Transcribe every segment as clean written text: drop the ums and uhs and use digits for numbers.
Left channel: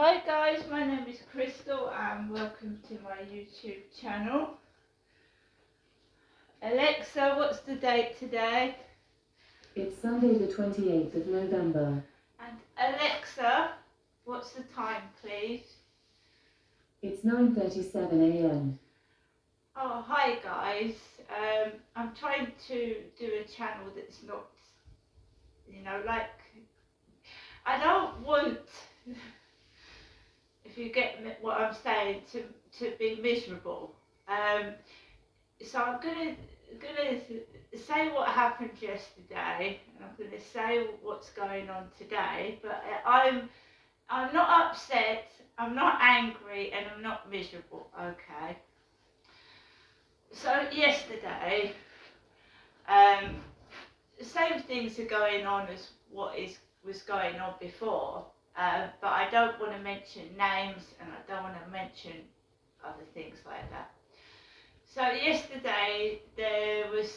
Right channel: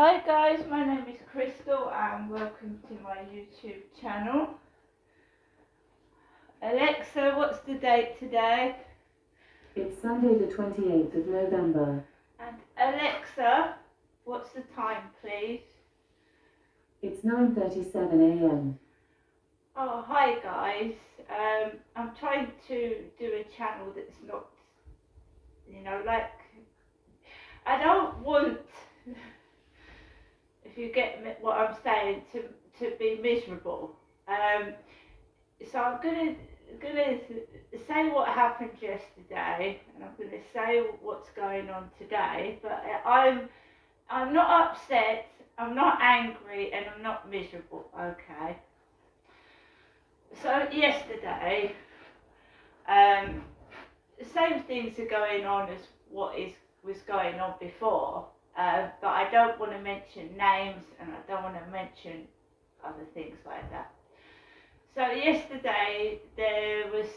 Hi guys, my name is Crystal and welcome to my YouTube channel. Alexa, what's the date today? It's Sunday the 28th of November. And Alexa, what's the time please? It's 9:37 a.m. Oh, hi guys. I'm trying to do a channel that's not, like, I don't want, if you get what I'm saying, to be miserable. So I'm gonna say what happened yesterday, and I'm gonna say what's going on today. But I'm not upset, I'm not angry, and I'm not miserable. Okay. So yesterday, the same things are going on as was going on before, but I don't want to mention names, and I don't want to mention other things like that. So yesterday there was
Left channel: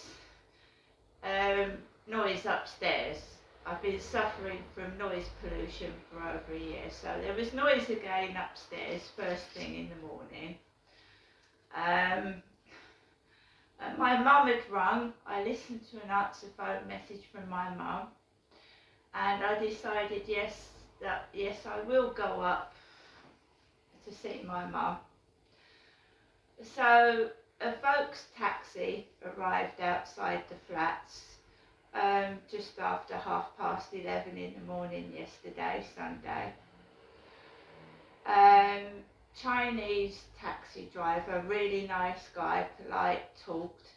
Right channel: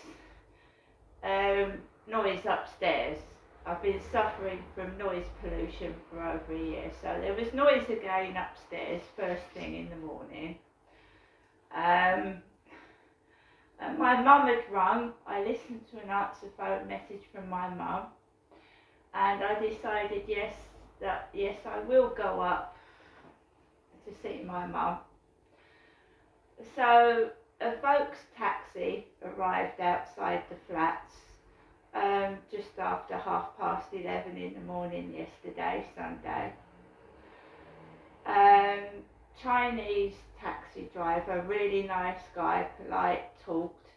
noise upstairs. I've been suffering from noise pollution for over a year, so there was noise again upstairs first thing in the morning. And my mum had rung. I listened to an answer phone message from my mum, and I decided yes, I will go up to see my mum. So a Vaux taxi arrived outside the flats just after 11:30 in the morning yesterday, Sunday. Chinese taxi driver, really nice guy, polite, talked,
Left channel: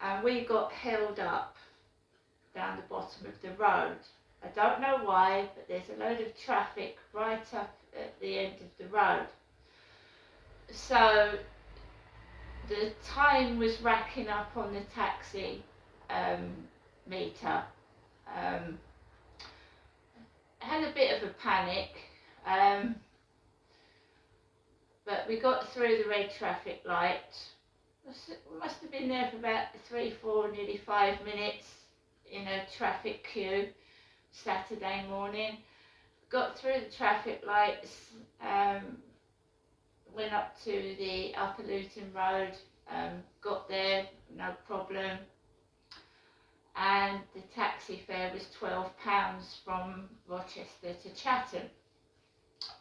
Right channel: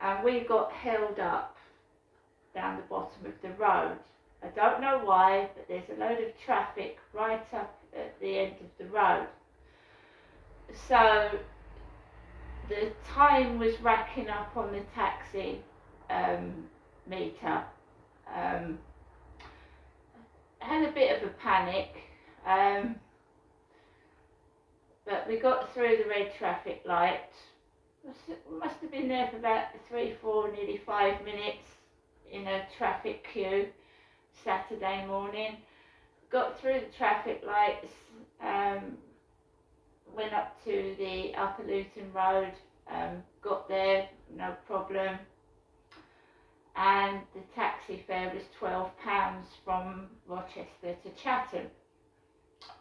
and we got held up down the bottom of the road. I don't know why, but there's a load of traffic right up at the end of the road. So the time was racking up on the taxi meter. I had a bit of a panic, but we got through the red traffic light. Must have been there for about 3, 4, nearly 5 minutes in a traffic queue Saturday morning. Got through the traffic lights, went up to the Upper Luton Road, got there, no problem. And the taxi fare was £12 from Rochester to Chatham.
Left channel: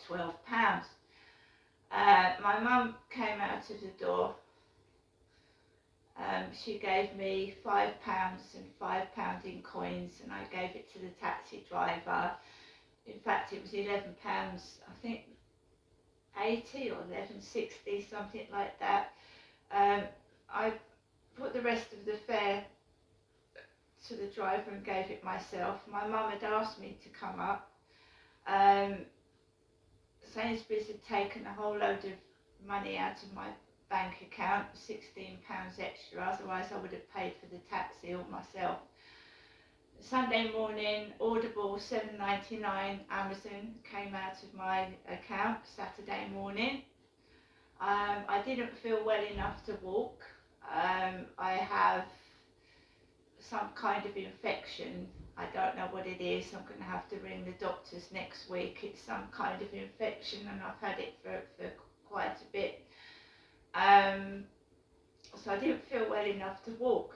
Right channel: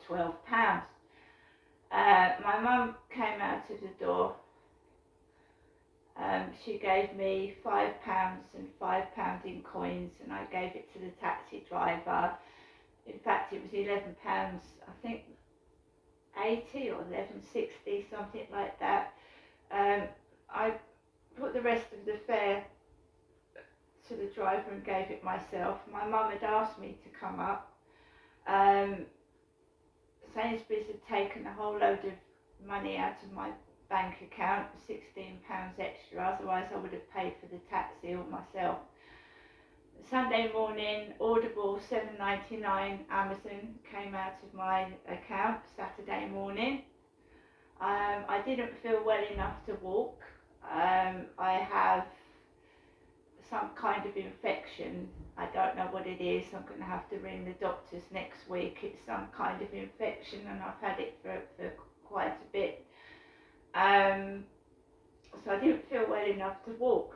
£12. My mum came out of the door. She gave me £5 and £5 in coins, and I gave it to the taxi driver. In fact, it was £11, I think 80 or 11.60, something like that. I put the rest of the fare to the driver and gave it myself. My mum had asked me to come up. Sainsbury's had taken a whole load of money out of my bank account, £16 extra, otherwise I would have paid for the taxi all myself. Sunday morning, Audible $7.99 Amazon came out of my account Saturday morning. I didn't feel well enough to walk. I have some kind of infection. I don't know what it is. I'm going to have to ring the doctors next week. It's some kind of infection, and I've had it for quite a bit. So I didn't feel well enough to walk.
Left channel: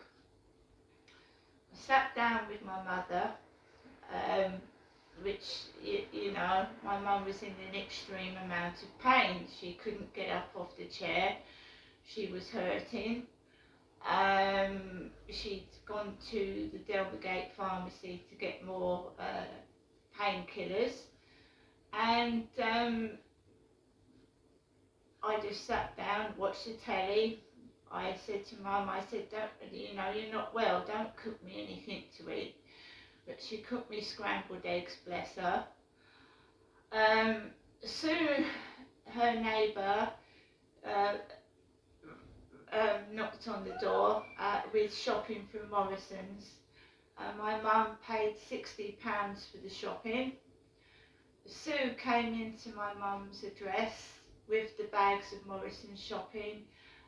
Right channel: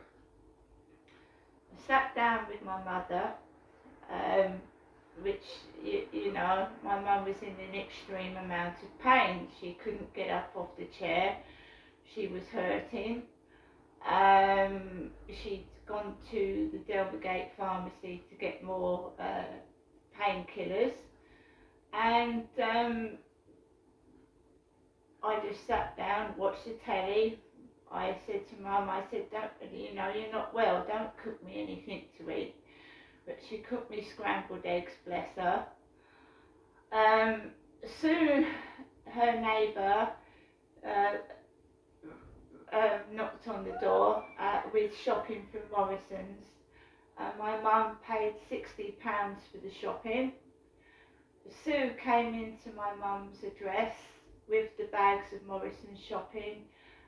I sat down with my mother, which, my mum was in an extreme amount of pain. She couldn't get up off the chair. She was hurting. She'd gone to the Delvergate pharmacy to get more painkillers, and I just sat down, watched the telly. I said to Mum, don't, you're not well, don't cook me anything to eat. But she cooked me scrambled eggs, bless her. Sue, her neighbour, knocked on the door with shopping from Morrison's. My mum paid £60 for the shopping. Sue came into my mum's address with the bags of Morrison's shopping,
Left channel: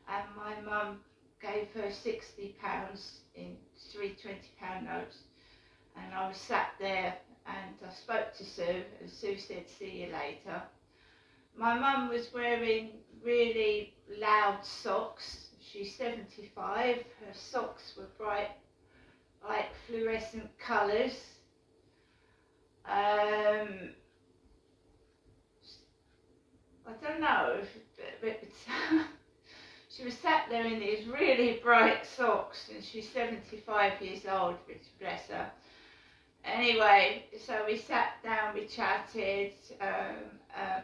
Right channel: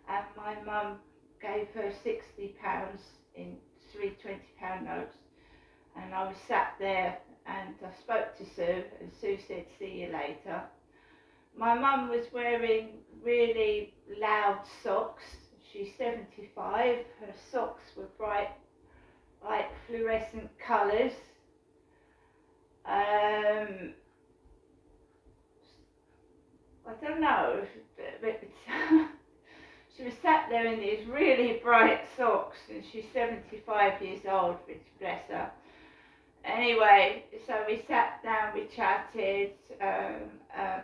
and my mum gave her £60 in 3 £20 notes. And I was sat there, and I spoke to Sue, and Sue said, "See you later." My mum was wearing really loud socks. She's 75. Her socks were bright, like fluorescent colours. I don't know, but she was sat there in these really bright socks, and she's 75 years old, which bless her. Anyway, so we sat down, we chatted.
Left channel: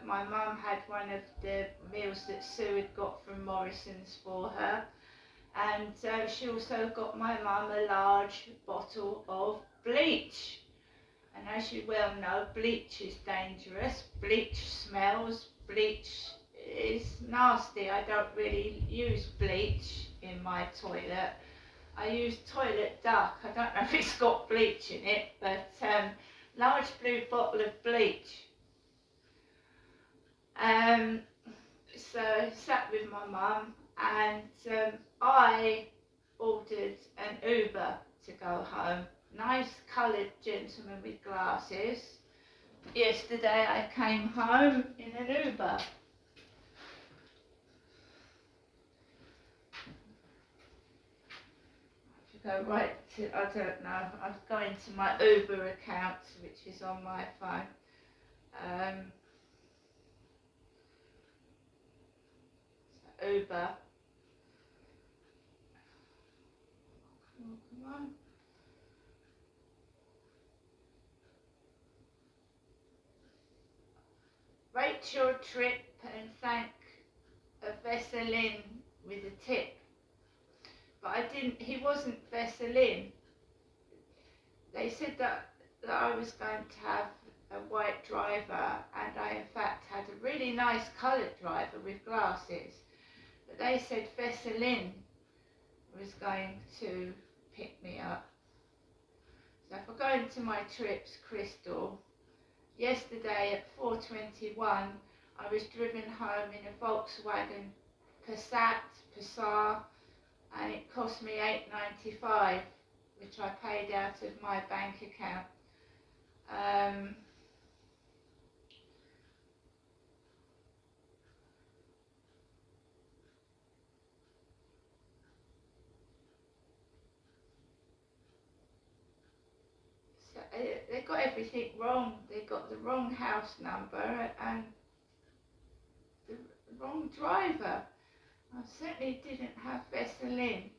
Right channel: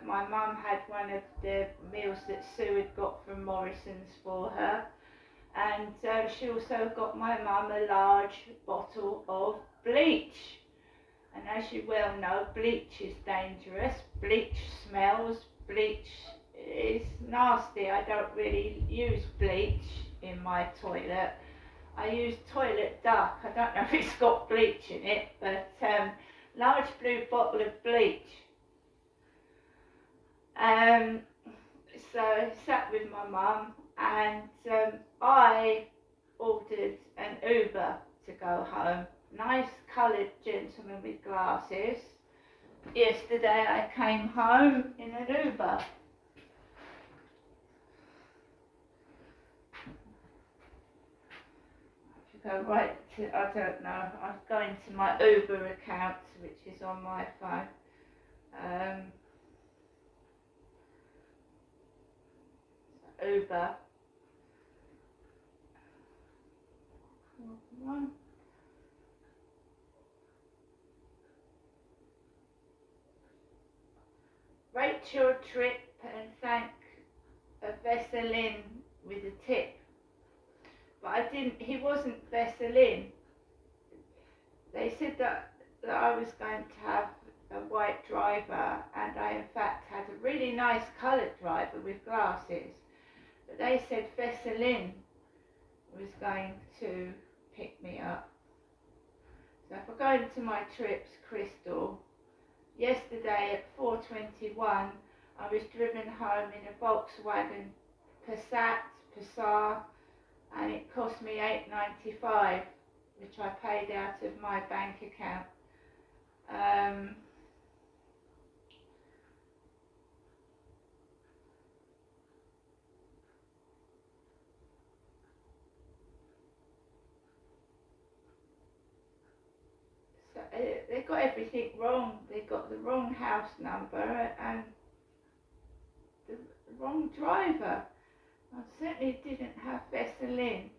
My mum had one of the meals that Sue had got from Morrison's for her, and she also got my mum a large bottle of bleach. And as you well know, bleach is dangerous, bleach smells, bleach is nasty. I don't really use bleach in my toilet. I use toilet duck. I don't know if it's got bleach in it, but large blue bottle of bleach. So I sat with my mum, and I ordered an Uber to go home. Nice coloured gentleman with glasses. Yesterday I came home in an Uber. Go right to, I don't know, I'm going to my Uber account, which is on my phone. Uber. Come on. Rate your trip and thank a Vesselin with a tip. But he wasn't Vesselin. They said that I was going to have a white driver, and I in fact had a really nice coloured driver with glasses. But they said Vesselin was going to pick me up. So if I go into my trips, Crystal, yesterday at 4:21 I was driven home in a Volkswagen Passat, and it cost me $8.95, which I paid out of my bank account. So they got everything wrong. They got the wrong house number and the wrong driver. I certainly didn't have Vesselin,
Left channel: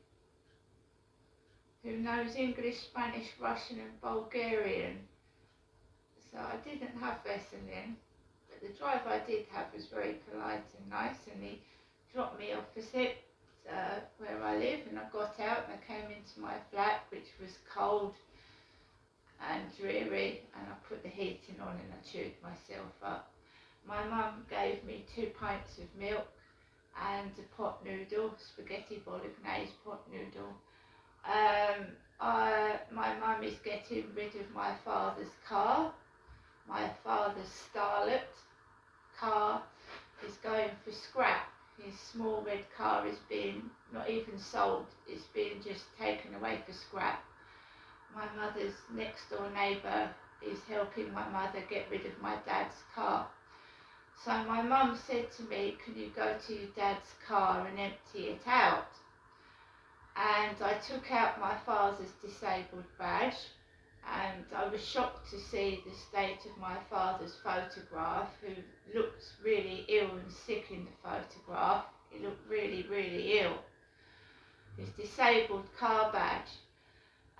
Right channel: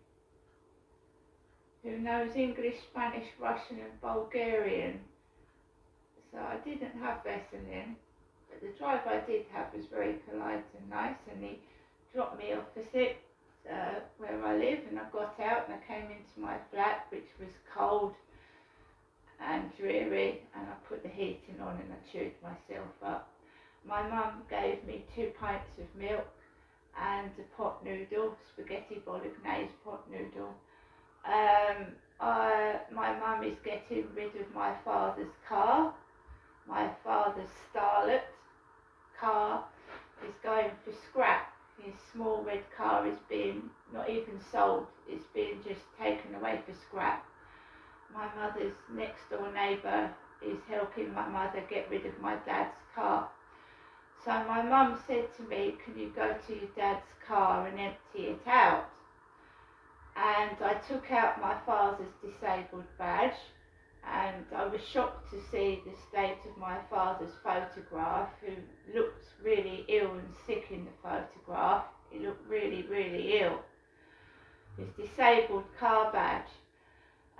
who knows English, Spanish, Russian and Bulgarian. So I didn't have Vesselin, but the driver I did have was very polite and nice, and he dropped me opposite where I live, and I got out and I came into my flat, which was cold and dreary, and I put the heating on and I chewed myself up. My mum gave me 2 pints of milk and a pot noodle, spaghetti bolognese pot noodle. My mum is getting rid of my father's car. My father's Starlet car is going for scrap. His small red car is being not even sold, it's being just taken away for scrap. My mother's next door neighbour is helping my mother get rid of my dad's car. So my mum said to me, can you go to your dad's car and empty it out? And I took out my father's disabled badge, and I was shocked to see the state of my father's photograph, who looked really ill and sick in the photograph. He looked really, really ill. His disabled car badge,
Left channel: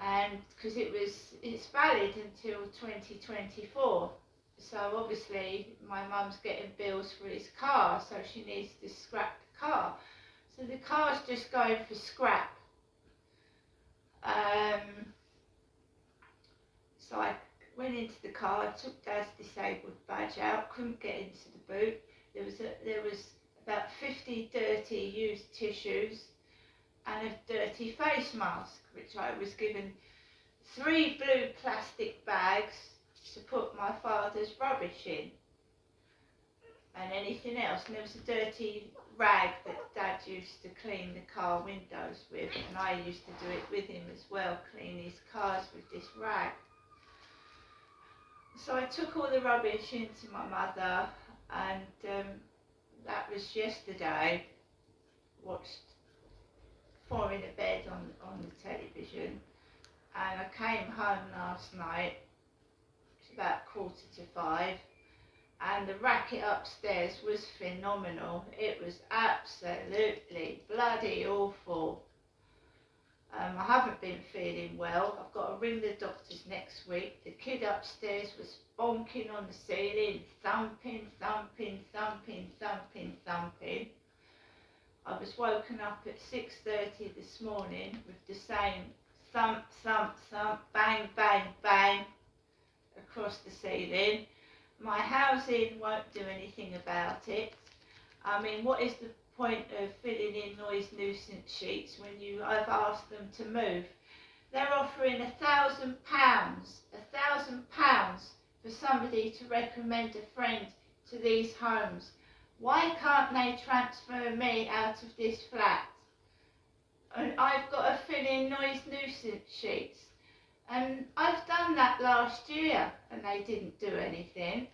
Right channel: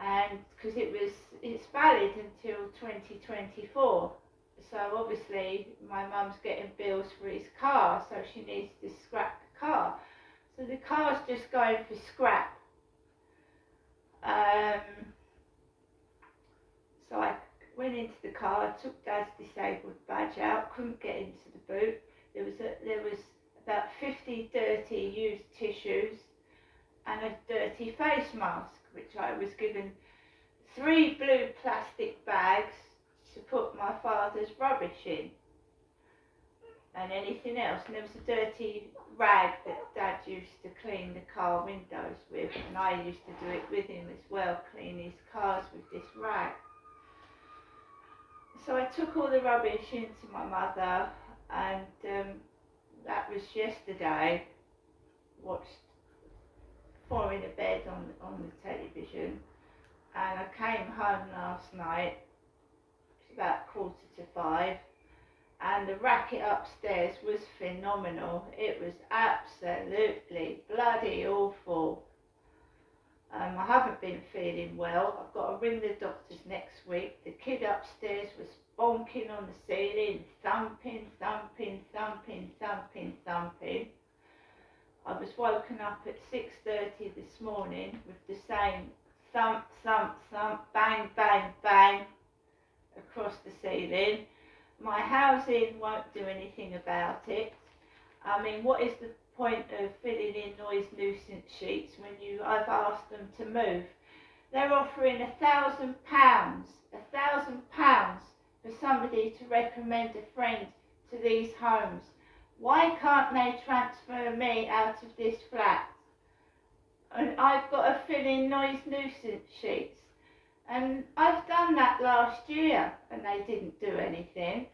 and because it's valid until 2024. So obviously my mum's getting bills for his car, so she needs to scrap the car. So the car's just going for scrap. So I went into the car, took Dad's disabled badge out, couldn't get into the boot. There was about 50 dirty used tissues and a dirty face mask, which I was given 3 blue plastic bags to put my father's rubbish in and anything else. And there was a dirty rag that Dad used to clean the car windows with, and I used to do it with him as well, clean his cars with this rag. So I took all the rubbish into my mother. and that was yesterday. Watched Four in a Bed on the television, and I came home last night. It's about 4:45, and the racket upstairs was phenomenal. It was absolutely bloody awful. I haven't been feeling well. I've got to ring the doctors next week. The kid upstairs was bonking on the ceiling, thumping, thumping, thumping, thumping, thumping. I was woken up at 6:30 this morning with the same thump, thump, thump, bang, bang, bang across the ceiling. My housing won't do anything about it. I mean, what is the point of filling in noise nuisance sheets when I've asked them to move? They're offering £1,000 for somebody to recommend a friend to these homes. Why can't they transfer me out of this flat? And I've got to fill in noise nuisance sheets. And I've done that last year and they didn't do anything.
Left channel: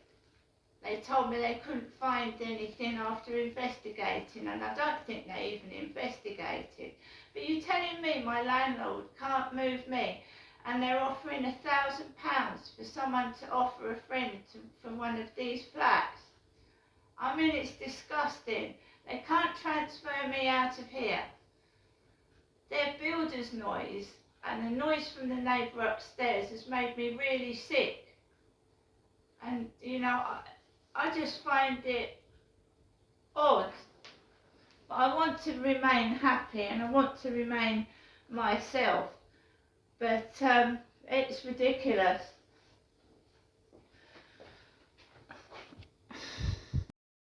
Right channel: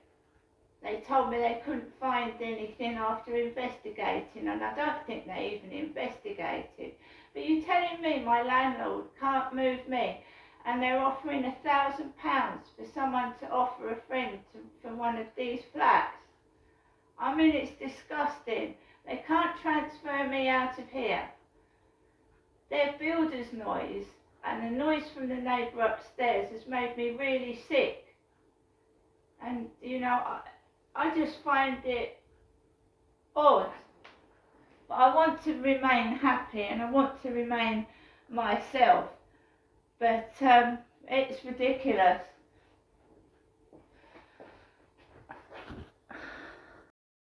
They told me they couldn't find anything after investigating, and I don't think they even investigated. But you're telling me my landlord can't move me, and they're offering £1,000 for someone to offer a friend for one of these flats? I mean, it's disgusting. They can't transfer me out of here. Their builder's noise and the noise from the neighbour upstairs has made me really sick. And, you know, I just find it odd. But I want to remain happy and I want to remain myself. But it's ridiculous.